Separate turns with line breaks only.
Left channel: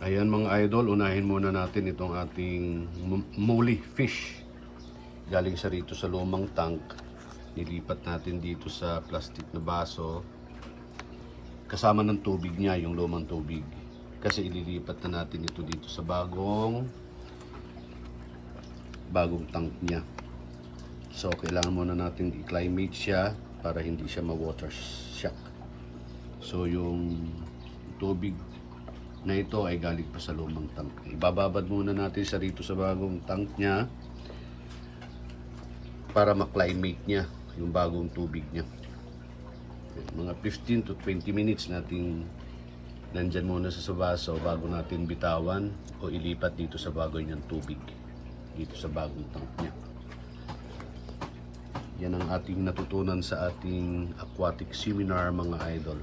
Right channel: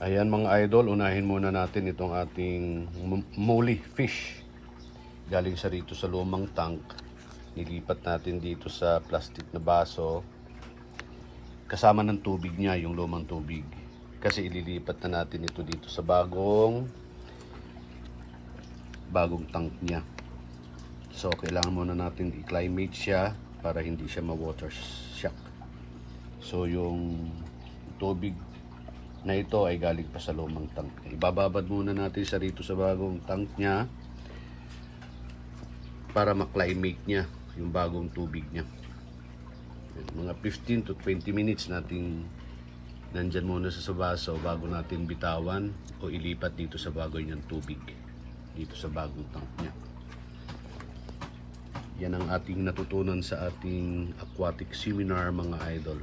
Ayan mga idol, unahin muna natin itong ating muli fish. Galing sa rito sa lumang tank. Nilipat natin dito sa plastic na baso. Kasama ng tubig niya, yung lumang tubig. Kasi ililipat na natin ito dito sa bagong bagong tank niya. So kailangan muna natin i-climate siya para hindi siya ma-water shock. So yung tubig na ito ay galing pa sa lumang tank. Ibababad muna natin siya rito sa bagong tank niya para ma-climate niya yung bagong tubig niya. Mga 15 to 20 minutes natin nandyan muna sa sabaso bago natin bitawan o ilipat dito sa bago niyang tubig dito sa bagong tank niya. Yan ang ating natutunan sa ating aquatic seminar mga idol.